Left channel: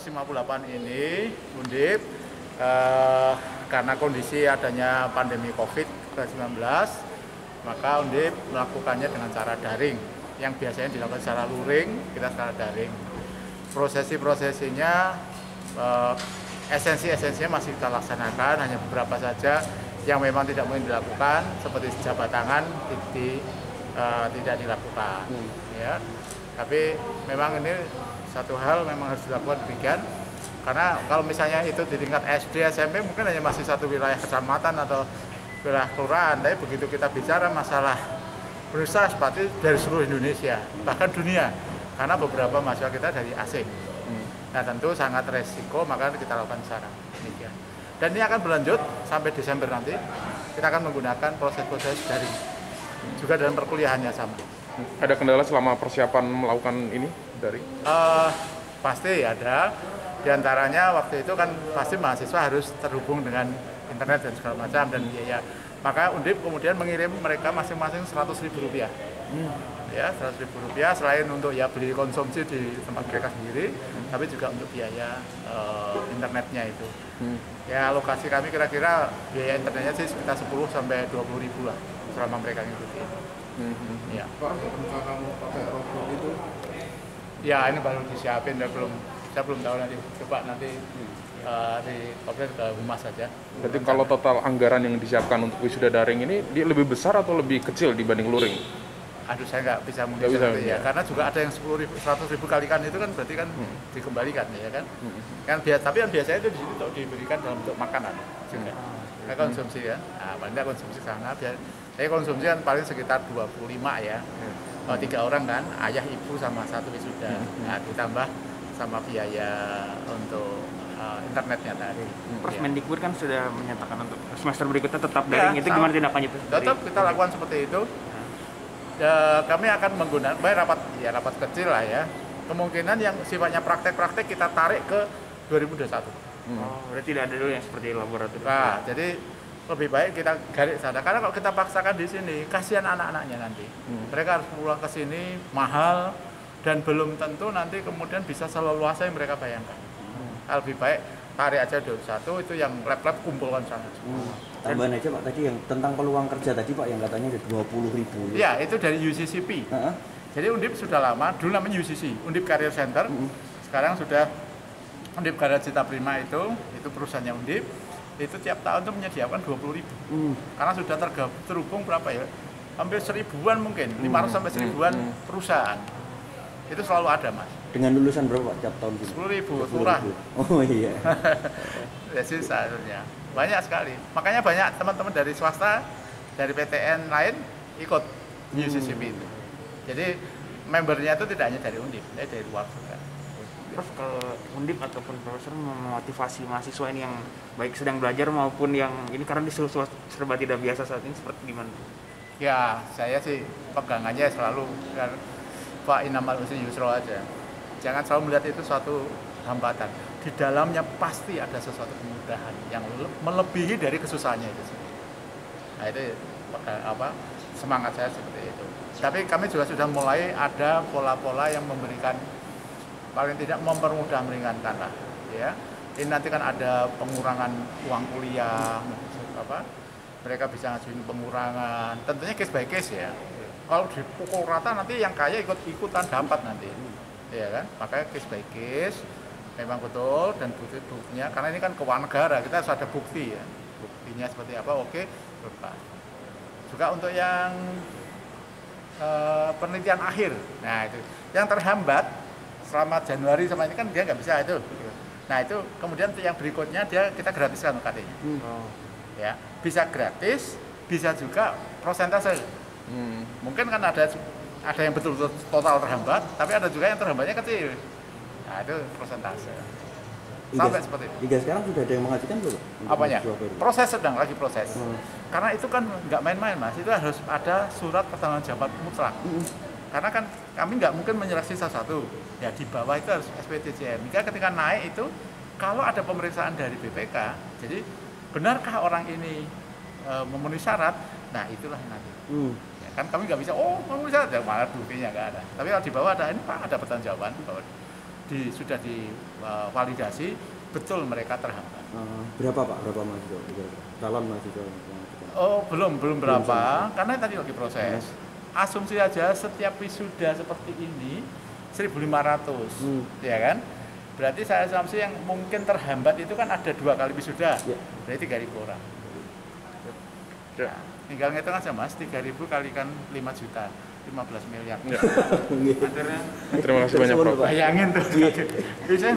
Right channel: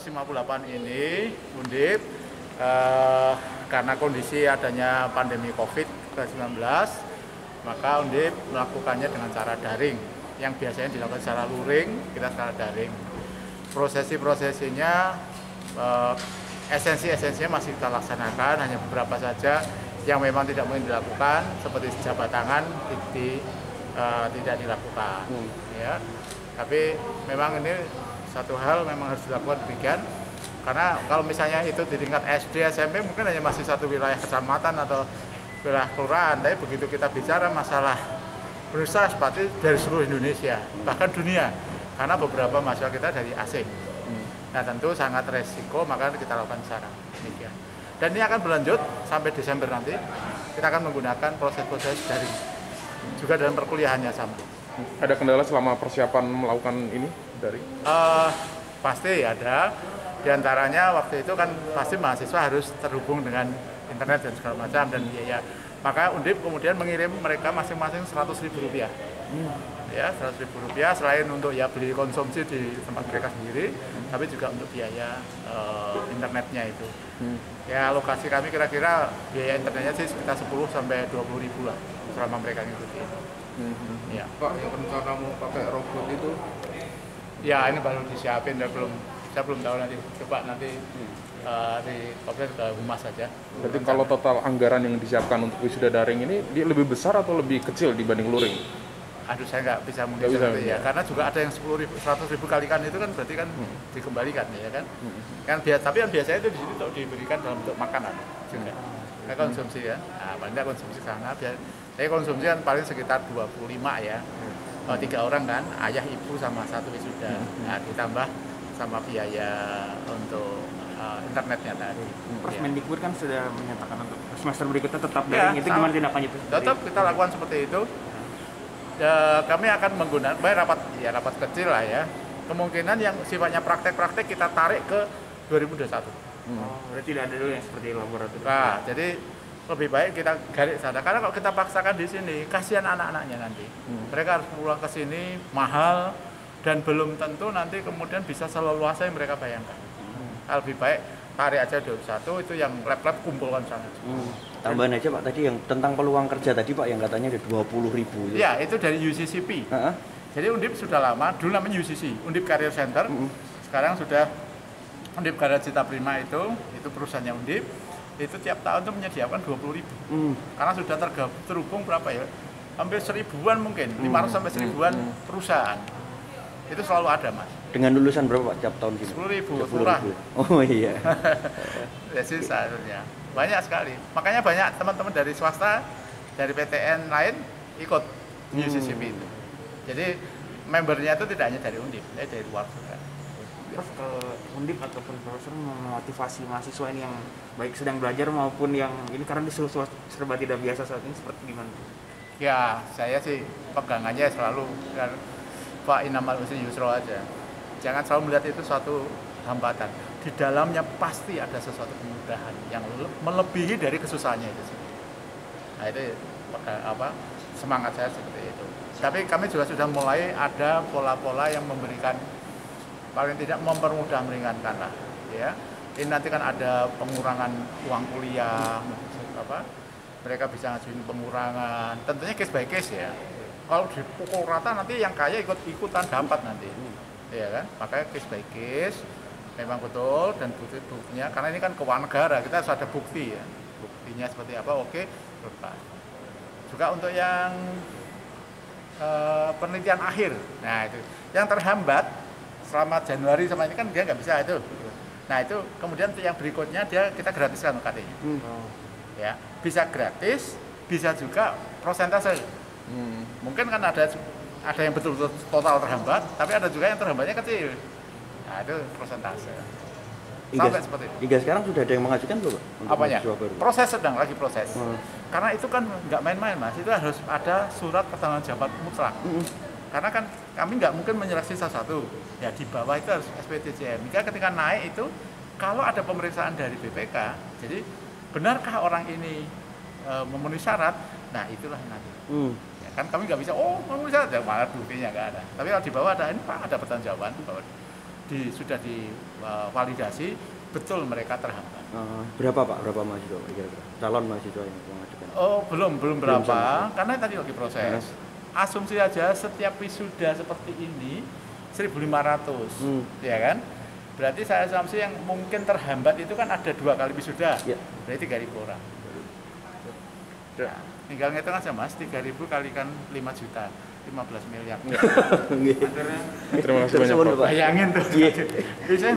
58 ini Undip karena kondisi adanya pandemi COVID-19, maka Undip melakukannya dengan cara daring. Yang biasanya dilakukan secara luring, kita secara daring. Prosesinya, esensinya masih kita laksanakan, hanya beberapa saja yang memang tidak mungkin dilakukan, seperti jabat tangan tidak dilakukan. Ya. Tapi memang ini satu hal memang harus dilakukan demikian, karena kalau misalnya itu di tingkat SD, SMP mungkin hanya masih satu wilayah kecamatan atau wilayah kelurahan, tapi begitu kita bicara masalah berusaha seperti dari seluruh Indonesia, bahkan dunia, karena beberapa mahasiswa kita dari asing. Nah tentu sangat resiko, maka kita lakukan secara demikian. Dan ini akan berlanjut sampai Desember nanti, kita akan menggunakan proses-proses daring. Juga dalam perkuliahannya sama. Ada kendala selama persiapan melakukan ini dari? Pasti ada. Di antaranya waktu itu kan pasti mahasiswa harus terhubung dengan internet dan segala macam dan biaya. Maka Undip kemudian mengirim mereka masing-masing Rp100.000. Ya, Rp100.000 selain untuk ya beli konsumsi di tempat mereka sendiri, tapi juga untuk biaya internetnya itu. Ya, alokasi kami kira-kira biaya internetnya sih sekitar 10 sampai 20.000 lah selama mereka ngikutin. Ya. Pak, rencana mau pakai robot itu? Ya, ini baru disiapin, saya belum tahu nanti. Coba nanti di kopdar ke humas saja. Berarti kalau total anggaran yang disiapkan untuk wisuda daring ini dia lebih besar atau lebih kecil dibanding luring? Aduh, saya nggak bisa menghitung ya, karena juga ada yang 100.000 kalikan itu kan berarti kan dikembalikan ya kan. Tapi yang biasanya itu di sini diberikan dalam bentuk makanan juga. Nah, konsumsi ya, paling konsumsi sana. Saya konsumsi kan paling sekitar 25 ya. 3 orang kan, ayah, ibu sama 1 wisuda. Nah, ditambah sama biaya untuk internetnya tadi. Mendikbud kan sudah menyatakan untuk semester berikutnya tetap daring, itu gimana tindakannya? Tetap kita lakukan seperti itu. Kami akan menggunakan rapat kecil lah ya. Kemungkinan yang sifatnya praktek-praktek kita tarik ke 2021. Berarti tidak ada dulu yang seperti laboratorium. Nah, jadi lebih baik kita garis sana. Karena kalau kita paksakan di sini, kasihan anak-anaknya nanti. Mereka harus pulang ke sini mahal dan belum tentu nanti kemudian bisa seleluasa yang mereka bayangkan. Lebih baik tarik aja 21, itu yang lab-lab kumpulkan sana. Tambahan aja Pak, tadi yang tentang peluang kerja tadi Pak, yang katanya ada 20.000. Ya, itu dari UCCP. Jadi Undip sudah lama, dulu namanya UCC, Undip Career Center. Sekarang sudah Undip Karya Cita Prima itu perusahaannya Undip. Itu tiap tahun tuh menyediakan 20.000. Karena sudah terhubung berapa ya? Hampir 1000-an mungkin, 500 sampai 1000-an perusahaan. Itu selalu ada, Mas. Dengan lulusan berapa Pak tiap tahun gitu? 10.000 murah. Oh iya. Ya sih seharusnya. Banyak sekali. Makanya banyak teman-teman dari swasta, dari PTN lain ikut UCCP itu. Jadi membernya itu tidak hanya dari Undip, tapi dari luar juga. Prof, kalau Undip ataupun profesor memotivasi mahasiswa ini yang baik sedang belajar maupun yang ini karena disuruh serba tidak biasa saat ini seperti gimana? Ya, saya sih pegangannya selalu kan Pak Inamal Usri Yusro aja. Jangan selalu melihat itu suatu hambatan. Di dalamnya pasti ada sesuatu kemudahan yang melebihi dari kesusahannya itu sendiri. Nah, itu semangat saya seperti itu. Tapi kami juga sudah mulai ada pola-pola yang memberikan paling tidak mempermudah meringankan lah, ya. Ini nanti kan ada pengurangan uang kuliah, mereka bisa ngajuin pengurangan. Tentunya case by case ya. Kalau dipukul rata nanti yang kaya ikutan dapat nanti, ya kan? Makanya case by case memang betul dan buktinya karena ini kan keuangan negara, kita harus ada bukti ya. Buktinya seperti apa? Oke, berapa. Juga untuk yang penelitian akhir, nah itu yang terhambat selama Januari sama ini kan dia nggak bisa itu. Nah itu kemudian yang berikutnya kita gratiskan UKT-nya. Ya, bisa gratis, bisa juga prosentase. Mungkin kan ada yang betul-betul total terhambat, tapi ada juga yang terhambatnya kecil. Nah itu prosentase. Sampai seperti itu. Hingga sekarang sudah ada yang mengajukan belum Pak? Apanya? Proses sedang lagi proses. Karena itu kan nggak main-main Mas, itu harus ada surat pertanggungjawaban mutlak. Karena kan kami nggak mungkin menyeleksi satu-satu. Ya di bawah itu harus SPTJM. Jika ketika naik itu, kalau ada pemeriksaan dari BPK, jadi benarkah orang ini memenuhi syarat? Nah itulah nanti. Ya, kan kami nggak bisa, memenuhi syarat, ya malah buktinya nggak ada. Tapi kalau di bawah ada, ini Pak ada pertanggungjawaban. sudah divalidasi, betul mereka terhambat. Berapa Pak? Berapa mahasiswa kira-kira? Calon mahasiswa yang mengajukan? Oh, belum berapa, sama. karena tadi lagi proses. Asumsi aja setiap wisuda seperti ini 1.500, ya kan? Berarti saya asumsi yang mungkin terhambat itu kan ada 2 kali wisuda, Ya. berarti 3.000 orang. Ya. Nah, tinggal ngitung aja Mas, 3.000 kalikan 5 juta, 15 miliar. Terima kasih banyak Prof. Bayangin tuh. Bisa